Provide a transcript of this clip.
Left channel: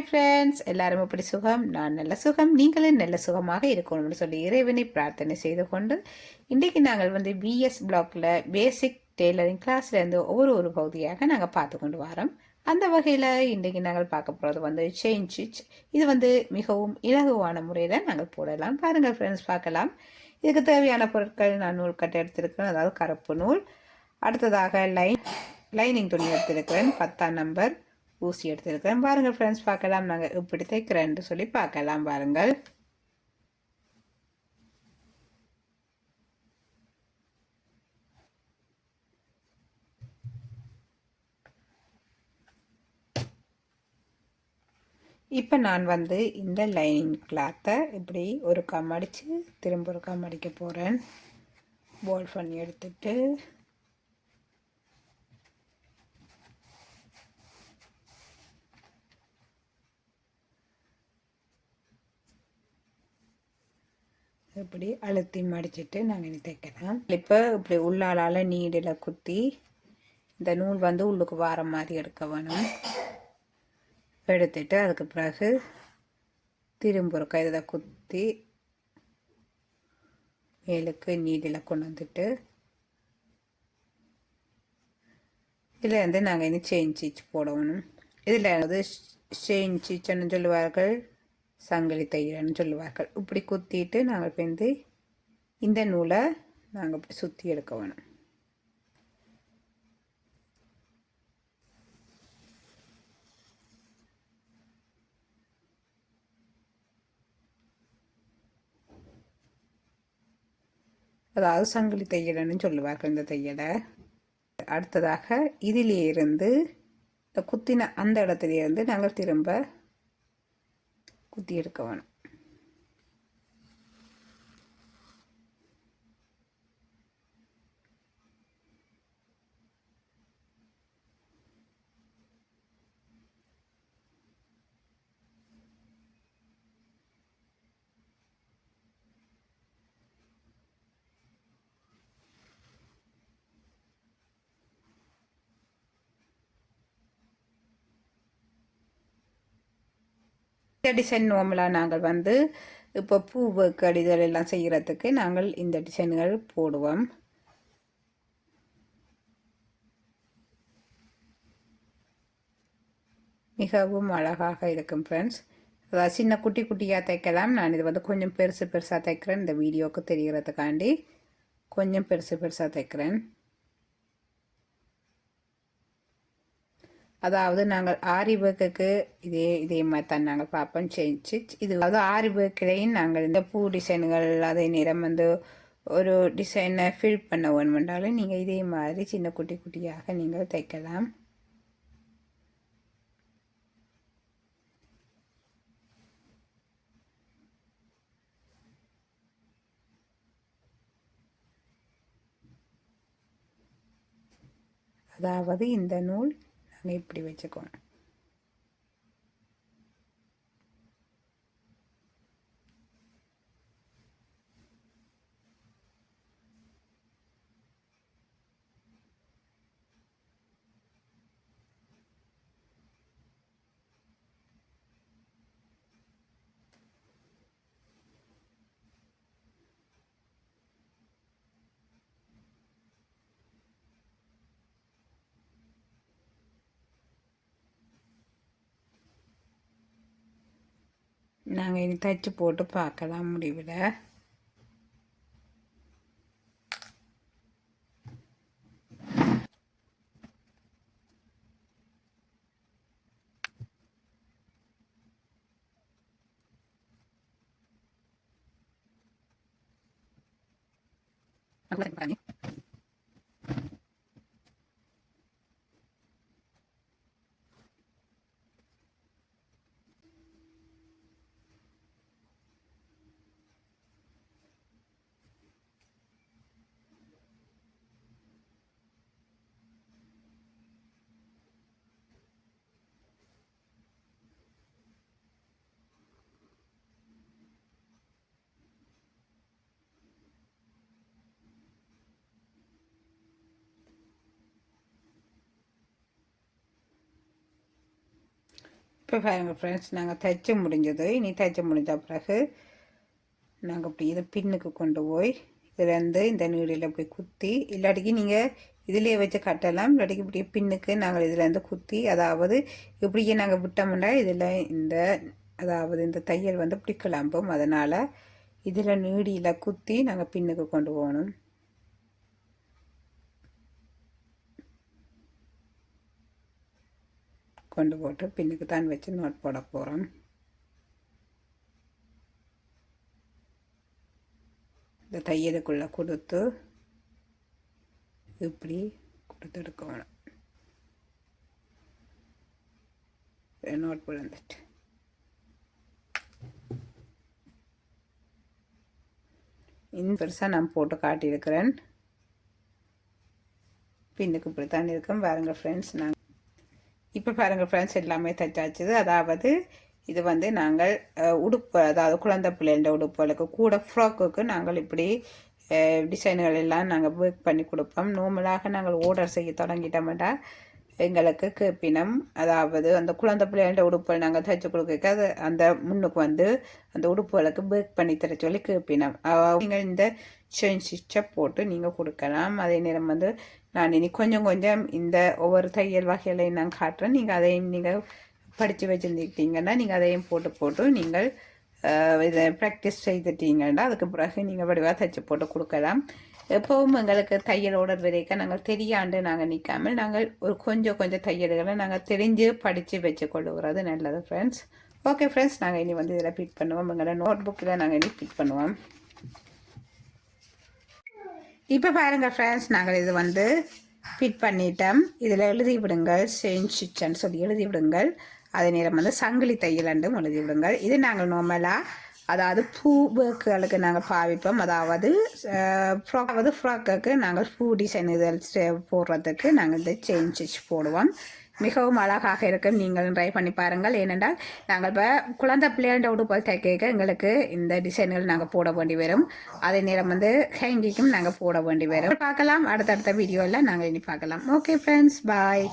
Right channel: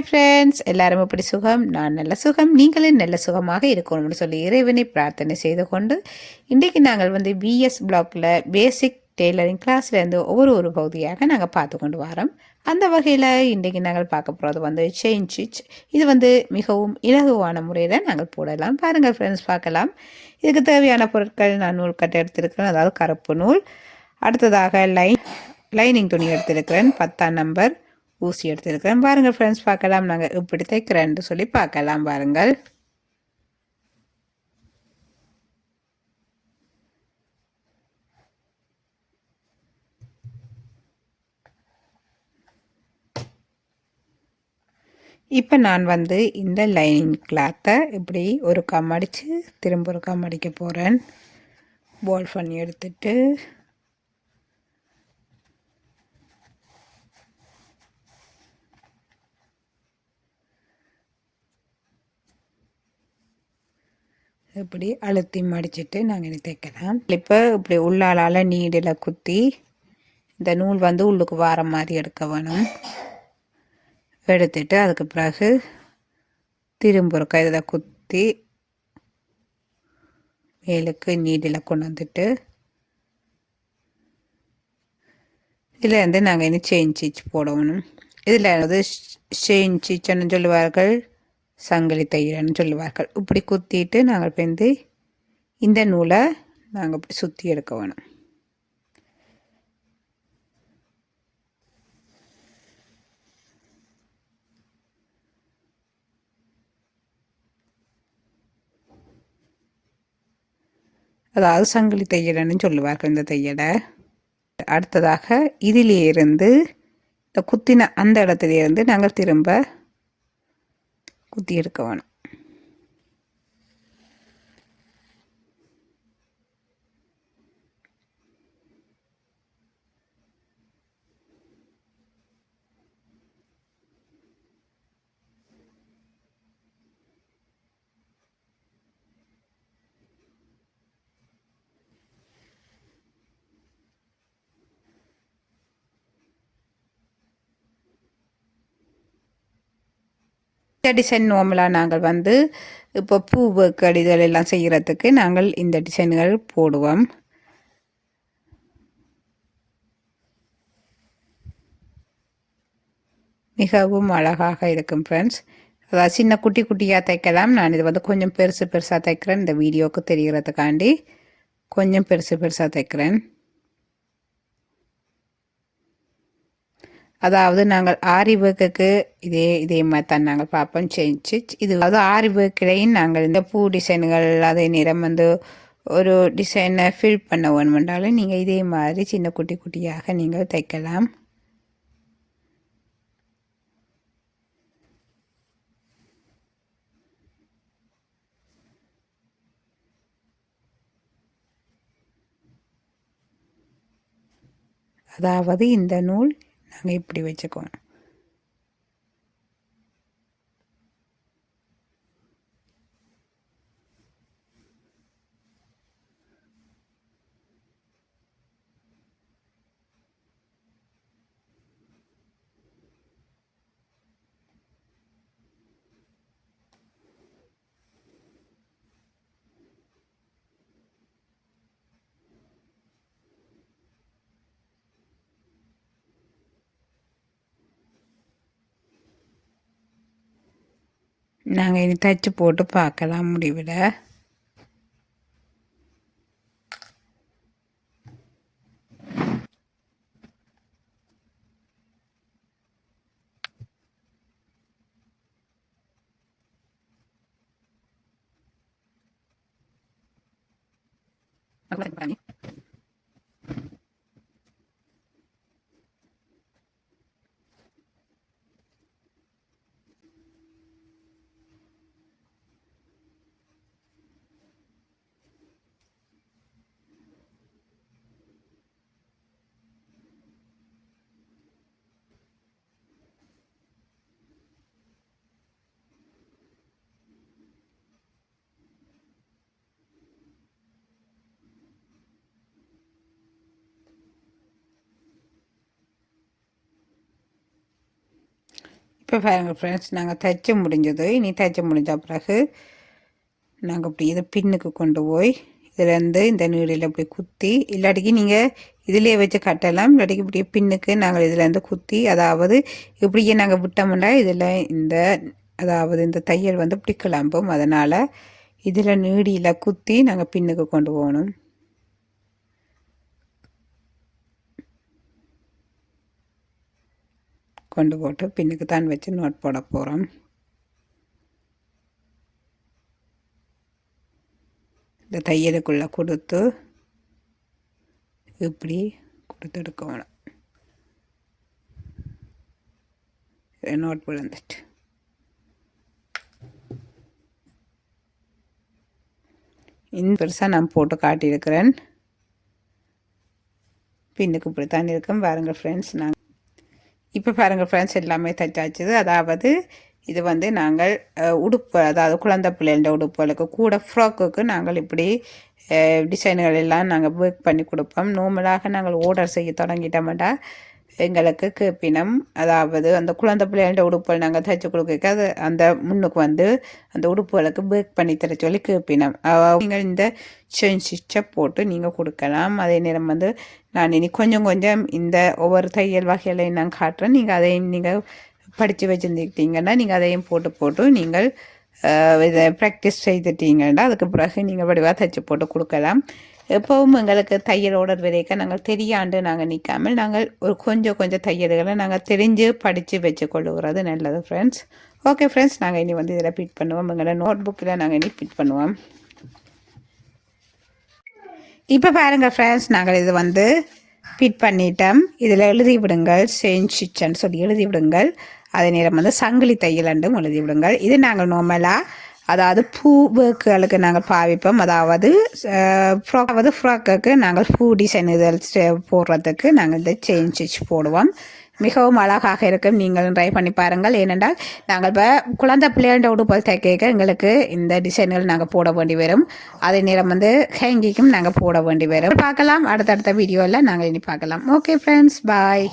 Hi friends, எல்லாரும் எப்படி சுகம்? நான் நல்ல சுகம், நீங்களும் நல்ல சுகமாக இருக்கணும்னு சொல்லி இறைவனை பிரார்த்தனை செய்து கொண்டு இன்றைக்கு நாங்கள் பிஎஸ் பிளாக்ல பேசிக் டெய்லரிங் கிளாஸ்லேருந்து ஒரு பகுதியாக நாங்கள் பார்த்து கொண்டு வரோம். அந்த வகையில் இன்றைக்கு நாங்கள் பார்க்க போகிறது செயின் ஸ்டிச். இது மிகவும் இலகுவான முறையில் நாங்கள் போடலாம். பாருங்கள் ஃப்ரெண்ட்ஸ், பார்க்கலாம். இதுக்கு தேவையான பொருட்கள் நான் நூல் கட்டை எடுத்திருக்கிறேன், அதாவது கருப்பு நூல். அடுத்ததாக லைனிங் துணி எடுத்திருக்கிறேன், 10ஆம் நம்பர் ஊசி எடுத்துருக்கிறேன். பாருங்கள் ஃப்ரெண்ட்ஸ், பார்க்கலாம் நாங்கள் இப்படி தைக்கிறேன்னு சொல்லி பார்க்கலாம். பாருங்கள், இப்போ நான் இந்த லைனிங் கிளாத்தை இப்படி ஒரு கம் அடித்து திரும்ப ஒரு கம் அடிக்க போகிறேன். போல் பண்ணி எடுத்துட்டு இப்படி அழுத்தி மடிச்சுட்டு நாங்கள் இனி தைக்கலாம். இப்போ இப்படி உள்ளாலால் நீடில் குத்தி இந்த நூல் உள்ளுக்கு வார மாதிரி எடுக்க வேணும். எடுத்துட்டு அதுக்கு பிறகு திரும்ப ஒரு இதில் குத்தி மேலுக்கு நீடில் கொண்டு வந்துட்டு இதில் நாங்கள் இனி செயின் ஸ்டிச் போடணும். இதில் செயின் ஸ்டிச்னு சொல்லுவார்கள், சங்கிலி தையல்னு சொல்லுவார்கள். இப்படி குத்திட்டு நாங்கள் இந்த நூலை நாங்கள் இப்படி சுற்றி எடுக்க வேணும். அதாவது சங்கிலி தையல்னு சொல்லுவார்கள் இந்த தையலை. அடுத்ததாக இதிலிருந்து இந்த குத்தின அந்த இடத்துலேருந்து நாங்கள் திரும்ப குத்தி எடுக்க வேணும். இந்த டிசைன் நார்மலாக நாங்கள் இப்போ பூ கடிதல் எல்லாம் செய்கிறதுக்கு நாங்கள் இந்த டிசைன்கள் போடுவோம். மிகவும் அழகாக இருக்கும் ஃப்ரெண்ட்ஸ். அதாவது சின்ன குட்டி குட்டியாக தைக்கலாம். நான் இது கொஞ்சம் பெருசு பெருசாக தைக்கிறேன், இந்த வீடியோவுக்கு தெரிகிறதுக்காண்டி கொஞ்சம் பெருசு பெருசாக தைக்கிறேன். அதாவது நாங்கள் ஆரி ஒர்க்குக்கு இதே மாதிரி தான் நாங்கள் பார்ப்போம் செஞ்சு. இது அதாவது ஆரி ஒர்க்கிலையும் நாங்கள் இந்த பூ டிசைன்கள் அதே நேரம் ஒரு டிசைனை ஃபில் பண்ண வேணுமென்றாலும் நீங்கள் இதே மாதிரி சின்ன குட்டி குட்டியாக நீங்கள் தைக்கலாம். அதாவது இந்த நூல் நாங்கள் இப்படி வச்சுக்குவோம். நாங்கள் இனி தைச்சி போட்டு பார்க்கலாம் முடிவில். இப்போ பாருங்கள் ஃப்ரெண்ட்ஸ், நாங்கள் தைச்சு முடிஞ்சது. இனி தைச்சு முடிஞ்ச பிறகு நாங்கள் இப்படி இதை பின்னுக்கு கொண்டு போய் இதுலேருந்து இந்த நீடில் இப்படி குத்தி, இல்லாட்டிக்கு நீங்கள் இதிலே வச்சு கட்டலாம், இல்லாட்டிக்கு இப்படி பின்னுக்கு நாங்கள் இதுலேருந்து குத்தி, அதாவது இப்படியே நாங்கள் விட்டோம்னா இதில் இந்த அதாவது இந்த தையல் வந்து இப்படி கிளம்பும். அதனால் இதில் நீடியில் குத்தி நாங்கள் பின்னுக்கு கொண்டு போகணும். கொண்டு போட்டு பின்னுக்கு தான் வச்சு நோட் போட போகிறோம். இந்த தையலுக்குள்ளே கொடுத்து இப்படி கொடுத்து எடுக்கணும். நோட் விழுந்துட்டு இந்த பெருசாக நான் போட்டு காட்டியிருக்கிறேன். பின்னுக்கு இப்படி தான் இருக்கும். பாருங்கள் ஃப்ரெண்ட்ஸ், நான் இப்போ பாருங்கள் ஃப்ரெண்ட்ஸ், எல்லாமே தைச்சாச்சுது. அதாவது இது வந்து நாங்கள் உடுப்பு, அதாவது குழந்தை பிள்ளைகள உடுப்புகளுக்கு கூட ஃப்ராக்குக்கு நாங்கள் இப்படி டிசைன்கள் எல்லாம் நாங்கள் ஒர்க் பண்ணி கொடுப்போம். நார்மலாக நாங்கள் ஆர்டர் செய்ய தொடங்கிட்டோம்டா எங்களுக்கு கேப்பினம், அதாவது அந்த குழந்தை பிள்ளைகள உடுப்புகள் நாங்கள் தைச்சி கொடுக்க அது அந்த முன்னுக்கு வந்து அந்த உடுப்புகளுக்கு ஒர்க் பண்ணி தர சொல்லி கேப்பினம். நீங்கள் இந்த செயின் ஸ்டிச்சை போட்டு நீங்கள் கொடுக்கலாம். அதே நேரம் வந்து நான் இனி கொஞ்சம் கொஞ்சம் இந்த ஒவ்வொரு தையல் வகைகளையும் நான் காட்டுறேன். நீங்கள் அதையும் நீங்கள் படித்து வச்சுருந்துக்கிட்டீங்கன்னா நீங்கள் அதையும் போட்டு நீங்கள் இதை ப்ராக்டிஸ் செய்துட்டீங்கன்னா அதுக்கு பிறகு நீங்கள் வடிவாக தைச்சி போட்டு கொடுக்கலாம். எப்போவும் எங்களுக்கு தையல் ஆர்டர் வரைக்கும் நாங்கள் தெரியாண்டு நாங்கள் நிற்காமல் நாங்கள் ஒரு கொஞ்சம் தையல்களை நாங்கள் தெரிஞ்சு படித்து வச்சு கொள்ளுகிறது நல்லது ஃப்ரெண்ட்ஸ். ஓகே ஃப்ரெண்ட்ஸ், நாங்கள் இனி வந்து இதில் பிட் பண்ணுவோம். எங்களை நோட் புக்கில் நாங்கள் இனி பிட் பண்ணுவோம். இப்போ பாருங்கள் ஃப்ரெண்ட்ஸ், நாங்கள் இது வந்து பிட் பண்ணிட்டோம். இதில் எழுதி விடுங்கள் செயின் ஸ்டிச்சுன்னு சொல்லி எழுதி விடுங்கள். அதே நேரம் வந்து சங்கிலி தையலண்டும் எழுதி விடுங்கள். இது நாங்கள் நார்மலாக அதாவது பூ ஒர்க்குகளுக்கு நாங்கள் பாவிப்போம். அதாவது ஃப்ராக்குக்கு நாங்கள் பூ டிசைன் இதில் போடுறதுக்கு நாங்கள் இந்த செயின் ஸ்டிச் போடுவோம். மிகவும் அழகாக இருக்கும். நீங்களும் ட்ரை பண்ணி பாருங்கள். ஏனென்றால் நாங்கள் இப்போ குழந்தை பிள்ளைகள உடுப்பல் தைக்க எங்களுக்கு இந்த டிசைன்கள் நாங்கள் போட வேண்டி வரும். அதே நேரம் வந்து ஹேங்கிக்கும் நாங்கள் போட வேண்டி வரும். பார்க்கலாம் அடுத்தடுத்த வீடியோவில் நாங்கள் இனி பார்க்கலாம். ஓகே ஃப்ரெண்ட்ஸ், பாய்.